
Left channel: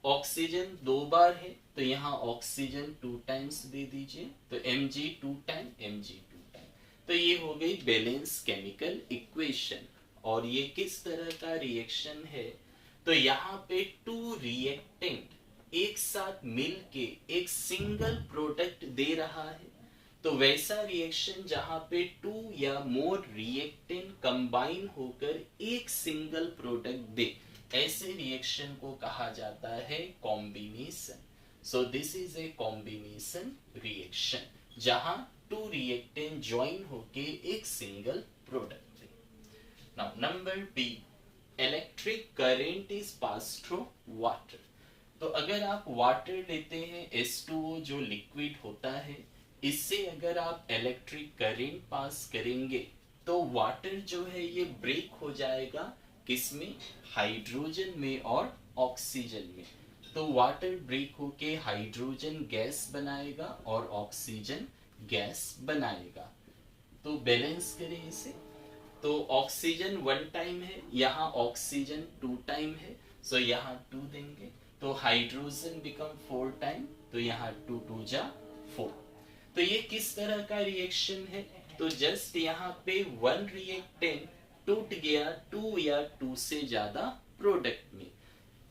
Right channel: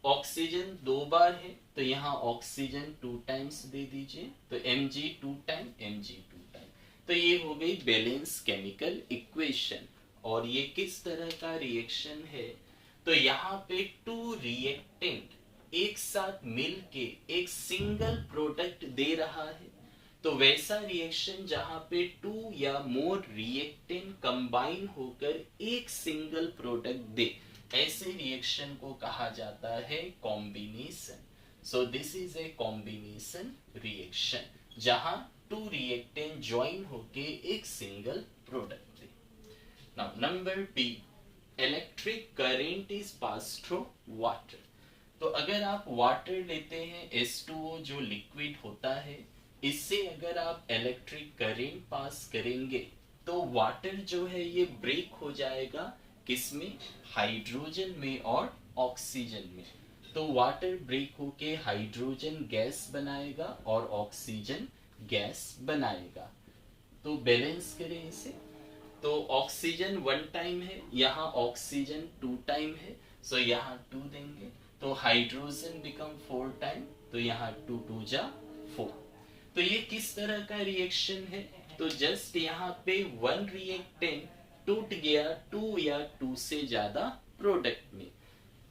ऑक्सीजन 2 बार है तो यहाँ ऑक्सीजन 2 टाइम्स दे दीजिए, तो Mg 2 टाइम Mg 2 टाइम। तो ये हो गई बैलेंस केमिकल इक्वेशन। और ये किस तरह का रिएक्शन है, तो यहाँ पे 2 रिएक्टेंट एक साथ मिलके एक सिंगल प्रोडक्ट दे रहा है। तो वैसा रिएक्शन जहां पे 2 या मोर रिएक्टेंट कंबाइन होकर एक सिंगल प्रोडक्ट दे, ऐसे रिएक्शन को कहा जाता है combination. So this is a combination reaction जहां 2 रिएक्टेंट ज्वाइन होके एक सिंगल प्रोडक्ट दे। Now number B, electric current is pass through water. तो अगर आप वाटर लेते हैं H2O जो लिक्विड होता है, इससे अगर आप इलेक्ट्रिक करंट पास करेंगे तो वाटर जो है ये ब्रेक हो जाएगा, किसमें, हाइड्रोजन में और ऑक्सीजन में। तो वाटर ब्रेक होके हाइड्रोजन गैस बनाएगा और ऑक्सीजन गैस बनाएगा। तो बैलेंस करें इसे, तो ऑक्सीजन 1 टाइम है, यहाँ ऑक्सीजन 2 टाइम है, सो यहाँ 2 देंगे। तो हाइड्रोजन बिकम 4 टाइम, तो यहाँ 2 2 जा 4। तो ये किस तरह का रिएक्शन है, तो जस्ट यहाँ पे 1 रिएक्टेंट टूट गया 2 या 2 से ज्यादा प्रोडक्ट में।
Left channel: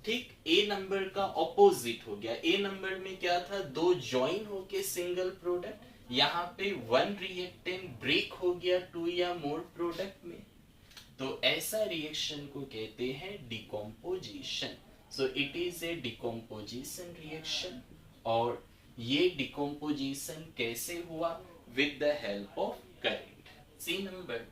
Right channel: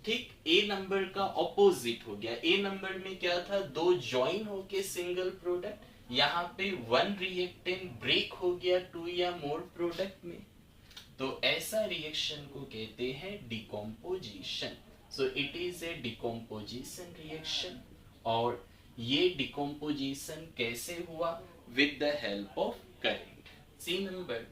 ठीक ए नंबर का ऑपोजिट हो गया। ए नंबर में क्या था, 2 ज्वाइन होके सिंगल प्रोडक्ट, यहाँ पे 1 रिएक्टेंट ब्रेक हो गया 2 या मोर प्रोडक्ट में। तो ऐसा रिएक्शन को कहते हैं decomposition. So it is a decomposition reaction. और ये डिकम्पोजिशन कैसे हुआ, with the help of current. C number,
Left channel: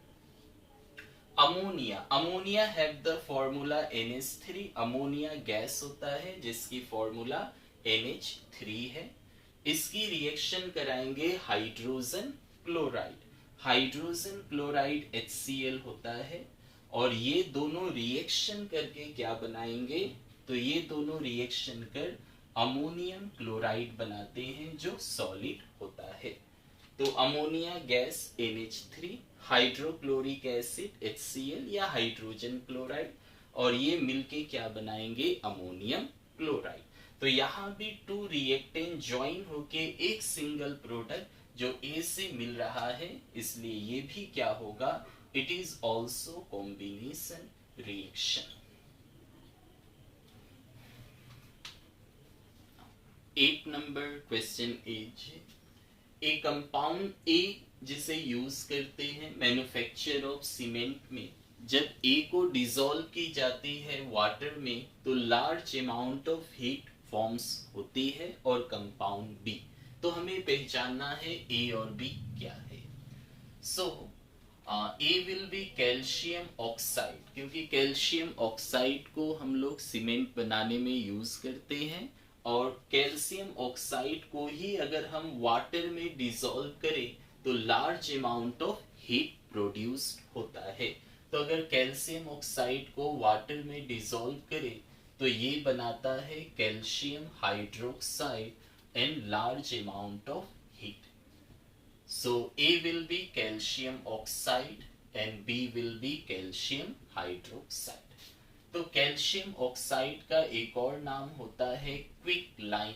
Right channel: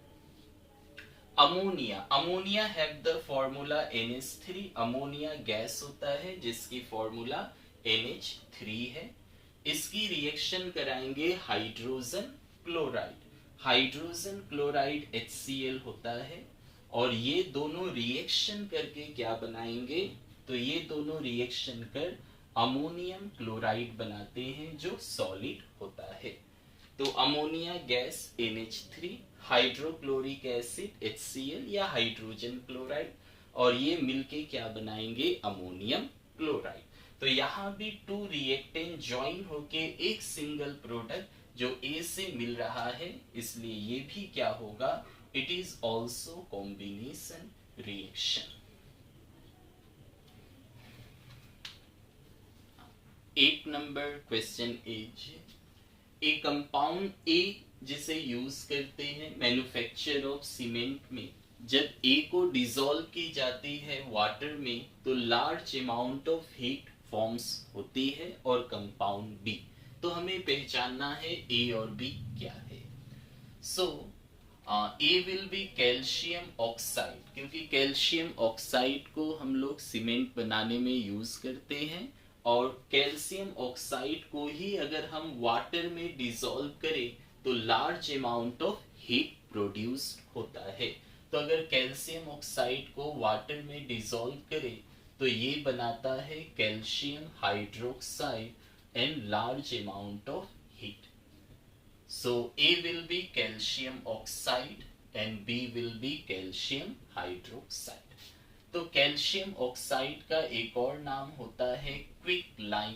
ammonia. Ammonia have the formula NH3। Ammonia gas होता है जिसकी फॉर्मूला NH3 है। इसकी रिएक्शन कराएंगे hydrogen chloride. Hydrogen chloride HCl होता है और ये दोनों रिएक्शन करके क्या बनाएंगे, तो ये दोनों रिएक्शन कर अमोनियम क्लोराइड बनाते हैं जो सॉलिड होता है। तो ammonia gas NH3, hydrochloric acid HCl या हाइड्रोजन क्लोराइड, और ये मिलके क्या बनाएंगे, अमोनियम क्लोराइड। तो यहाँ भी 2 रिएक्टेंट ज्वाइन होके एक सिंगल प्रोडक्ट जो A से मिल रहा है, इसलिए ये भी क्या होगा, it is also combination reaction. 8 number question is, A compound A जिसे यूज करते हैं मैन्युफैक्चर ऑफ सीमेंट में, जब ए को डिसॉल्व की जाती है वाटर में तो large amount of heat forms होती है और कंपाउंड बी। तो हमें पहचानना है ए और बी क्या है। सो A will be calcium oxide, क्योंकि कैल्शियम ऑक्साइड को हम लोग सीमेंट बनाने में यूज करते हैं, और कैल्शियम ऑक्साइड को ही अगर हम वाटर में डिसॉल्व करें तो large amount of heat produce होता है। तो अगर कैल्शियम ऑक्साइड को वाटर में डिसॉल्व करें तो ये बनाता है calcium hydroxide and large amount of heat. So A will be calcium oxide and B will be calcium hydroxide. तो कैल्शियम ऑक्साइड का एक और नाम होता है क्विक लाइम,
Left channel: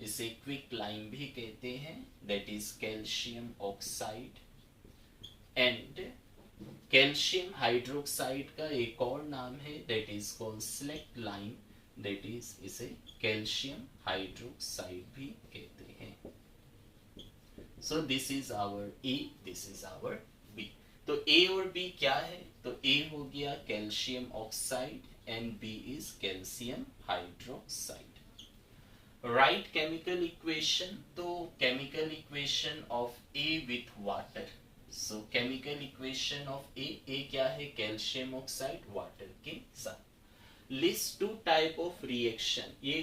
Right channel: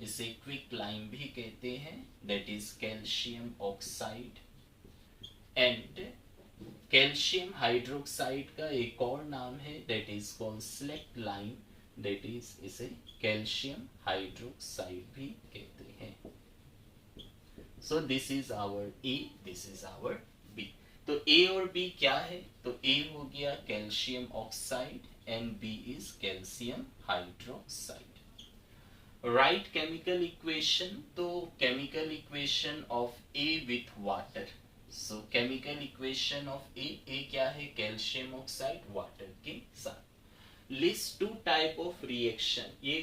इसे क्विक लाइम भी कहते हैं, that is calcium oxide. And calcium hydroxide का एक और नाम है, that is called slaked lime, that is इसे कैल्शियम हाइड्रोक्साइड भी कहते हैं। So this is our A, this is our B. तो ए और बी क्या है, तो ए हो गया calcium oxide and B is calcium hydroxide. Write chemical equation, तो chemical equation of A with water. So chemical equation of A क्या है, calcium oxide water के साथ। List 2 type of reaction, ये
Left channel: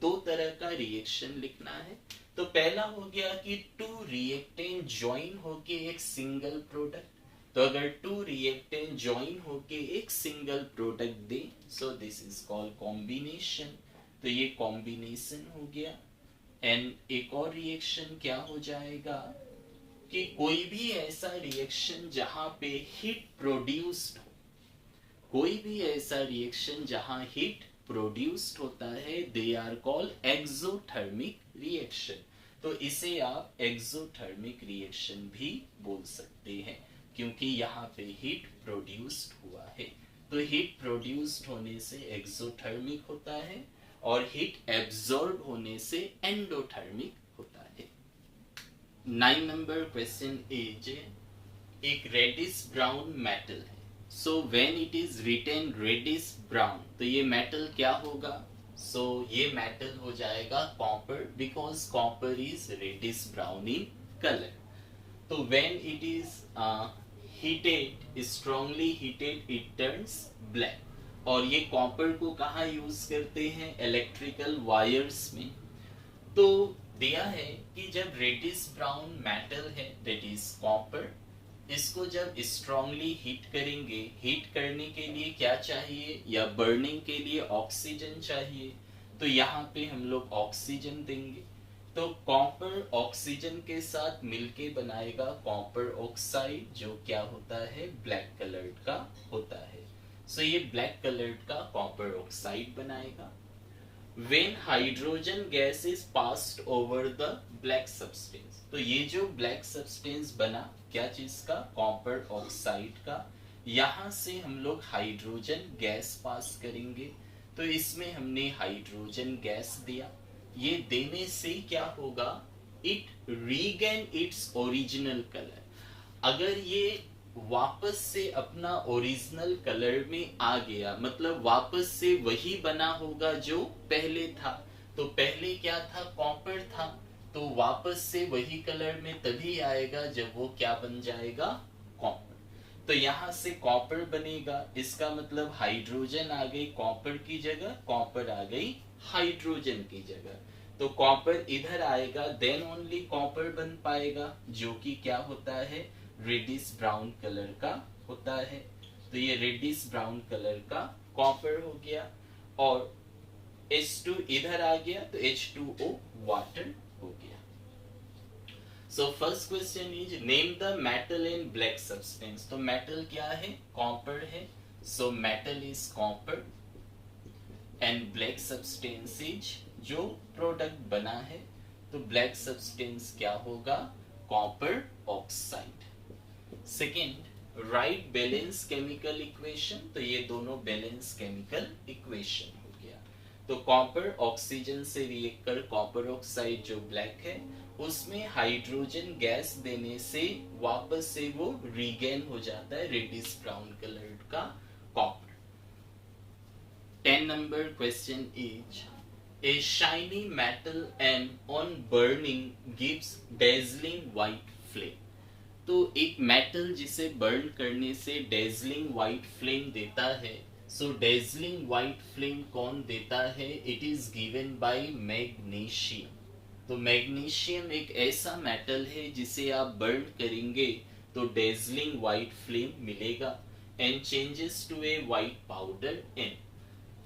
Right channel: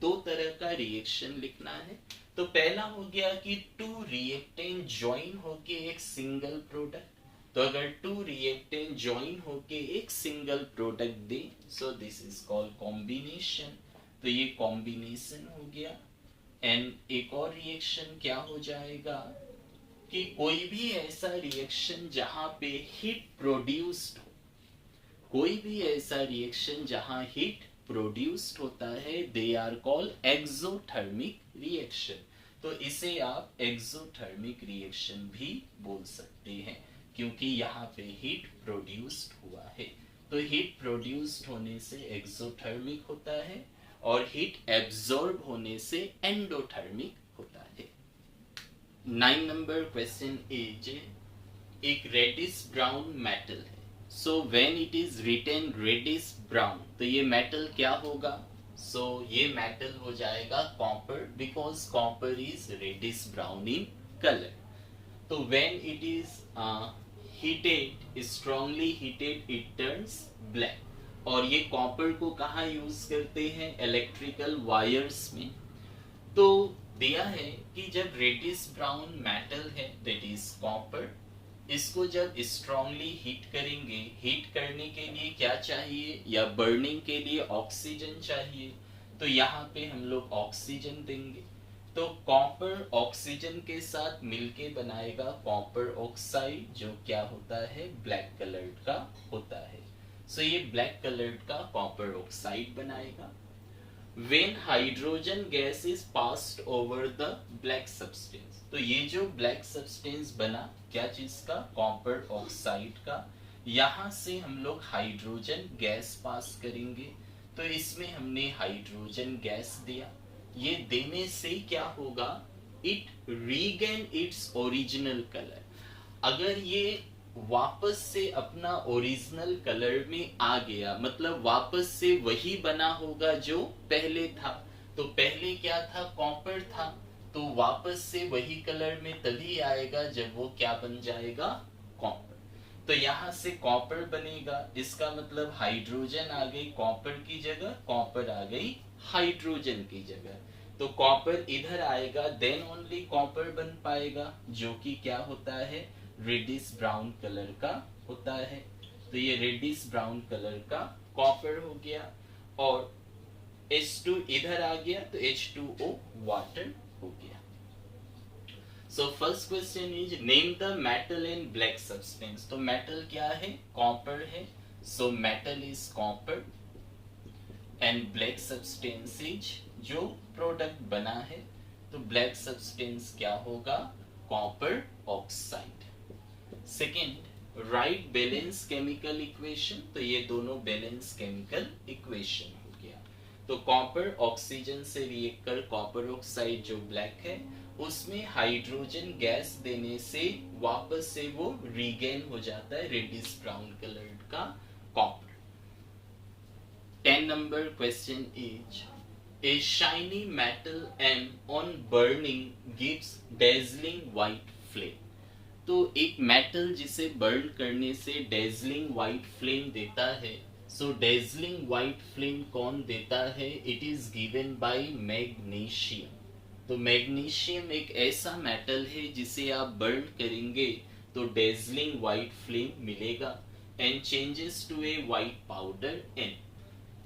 2 तरह का रिएक्शन लिखना है। तो पहला हो गया कि 2 रिएक्टेंट ज्वाइन होके एक सिंगल प्रोडक्ट, तो अगर 2 रिएक्टेंट ज्वाइन होके एक single product they, so this is called combination. तो ये कॉम्बिनेशन हो गया। एंड एक और रिएक्शन क्या हो जाएगा कि कोई भी ऐसा रिएक्शन जहां पे हीट प्रोड्यूस्ड हो, कोई भी ऐसा रिएक्शन जहां हीट प्रोड्यूस्ड होता है they are called exothermic reaction. तो इसे आप एक्सोथर्मिक रिएक्शन भी बोल सकते हैं क्योंकि यहाँ पे हीट प्रोड्यूस्ड हुआ है। तो हीट प्रोड्यूस्ड होने से एक्सोथर्मिक होता है और हीट एब्जॉर्ब होने से एंडोथर्मिक होता है। 9 नंबर क्वेश्चन इज एक रेडिश ब्राउन मेटल है। So when it is written reddish brown तो ये मेटल क्या होगा? सो ये मेटल हो जाएगा copper because copper is reddish brown in colour. तो when it is heated strongly heated it turns black. और ये कॉपर को कहाँ यूज करते हैं? इलेक्ट्रिकल वायर्स में। तो दिया है कि जब रेडिश ब्राउन मेटल है दैट इज कॉपर, इसको जब स्ट्रांगली हीट करेंगे, हीट करने के लिए क्या चाहिए या बर्निंग के लिए ऑक्सीजन चाहिए। तो यहाँ पे हम लोग ऑक्सीजन देंगे। तो कॉपर ऑक्सीजन के साथ मिलके बनाएगा कॉपर ऑक्साइड जो क्या होता है? ब्लैक कलर्ड का होता है। सो ये ब्लैक कलर्ड का कॉपर ऑक्साइड बनाएगा। When hydrogen gas is passed over the black substance, तो ये जो ब्लैक सब्सटेंस बना क्या चीज का? कॉपर ऑक्साइड का। यहां से हम लोग हाइड्रोजन गैस पास करेंगे। तो इसमें हमने हाइड्रोजन गैस दिया। ये देने से क्या होगा? It regain its original colour. अगर ये वापस से अपना ओरिजिनल कलर में आ गया, मतलब वापस से वही बना होगा जो पहले था। तो पहले क्या था? कॉपर था। तो वापस से वही कलर में तभी आएगा जब वो क्या बन जाएगा? कॉपर। तो यहां से कॉपर बनेगा, इसका मतलब हाइड्रोजन आ गई कॉपर की जगह, कॉपर आ गई हाइड्रोजन की जगह। तो कॉपर इधर आएगा देन ओनली कॉपर बन पाएगा जो कि क्या होता है? रेडिश ब्राउन कलर का होता है। तो ये रेडिश ब्राउन कलर का कॉपर हो गया और H2 इधर आ गया तो H2O वाटर हो गया। So first question is name the metal in black substance. तो मेटल क्या है? कॉपर है। So metal is copper and black substance is जो प्रोडक्ट बना है। तो ब्लैक सब्सटेंस क्या होगा? Copper oxide. Second, right balance chemical equation. तो ये दोनों बैलेंस केमिकल इक्वेशन हो गया। तो कॉपर ऑक्सीजन से रिएक्ट कर कॉपर ऑक्साइड जो ब्लैक है उसमें हाइड्रोजन गैस देने से वापस से वो रीगेन हो जाता है रेडिश ब्राउन कलर का copper. 10 number question is a shiny metal and on burning gives dazzling white flame. तो एक मेटल जिसे बर्न करने से डेजलिंग व्हाइट फ्लेम देता है। सो डेजलिंग व्हाइट फ्लेम कौन देता है? It is given by magnesium. तो मैग्नीशियम एक ऐसा मेटल है जिसे आप बर्न करेंगे तो डेजलिंग व्हाइट फ्लेम मिलेगा and changes to a white powder in.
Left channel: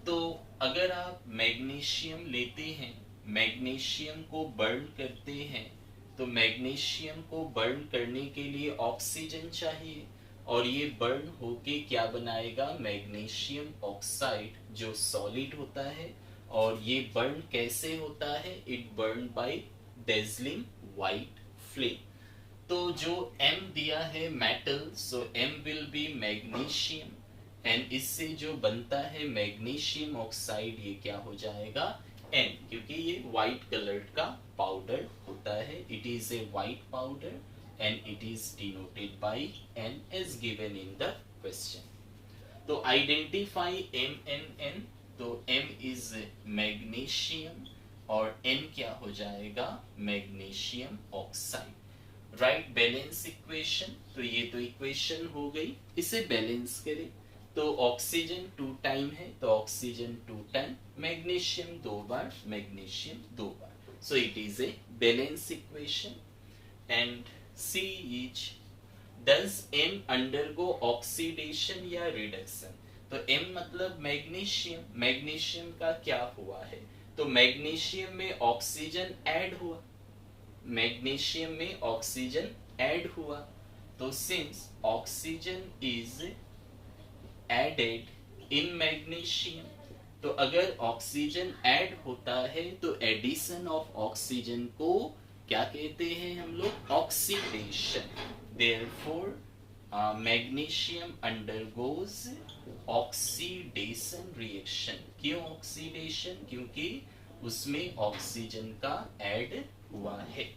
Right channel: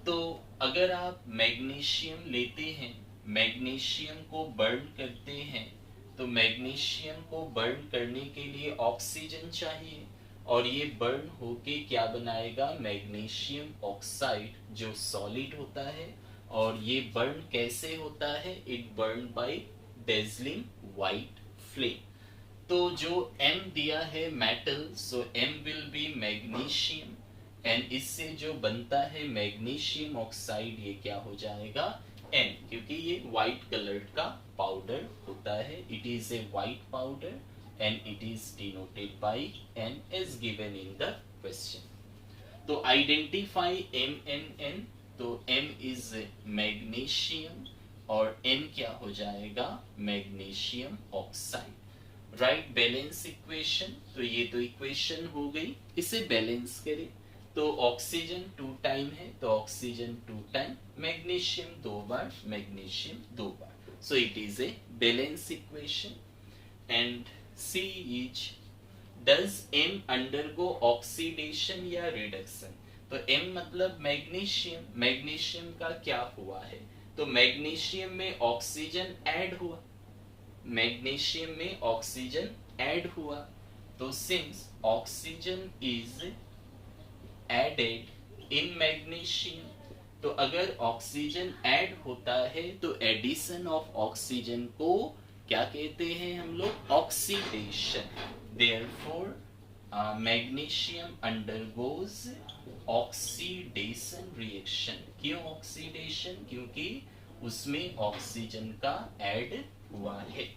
तो अगर आप मैग्नीशियम लेते हैं, मैग्नीशियम को बर्न करते हैं, तो मैग्नीशियम को बर्न करने के लिए ऑक्सीजन चाहिए और ये बर्न होके क्या बनाएगा? मैग्नीशियम ऑक्साइड जो सॉलिड होता है। और ये बर्न कैसे होता है? It burn by dazzling white flame. तो जो M दिया है metal, so M will be magnesium and इससे जो बनता है मैग्नीशियम ऑक्साइड ये क्या हो जाएगा? N, क्योंकि ये व्हाइट कलर का पाउडर होता है। It is a white powder and it is denoted by N as given in the question. तो आइडेंटिफाई MnN। तो M इज मैग्नीशियम और N क्या हो जाएगा? Magnesium oxide. Write balance equation. तो ये तो इक्वेशन हो गई, इसे बैलेंस करें। तो ऑक्सीजन 2 टाइम है तो ऑक्सीजन 2 टाइम, मैग्नीशियम 2 बार, मैग्नीशियम 2 बार। So it is a balance equation and C is does M undergo oxidation या रिडक्शन। तो M मतलब मैग्नीशियम, मैग्नीशियम का क्या हुआ है? तो मैग्नीशियम में ऑक्सीजन ऐड हुआ, मैग्नीशियम में ऑक्सीजन ऐड हुआ। तो since oxygen is added in magnesium, तो अगर ऑक्सीजन ऐड होता है तो एडिशन ऑफ ऑक्सीजन को क्या कहते हैं हम लोग? Oxidation. Therefore magnesium undergoes oxidation reaction. क्यों ऑक्सीडेशन? क्योंकि उसमें ऑक्सीजन का ऐड हुआ है।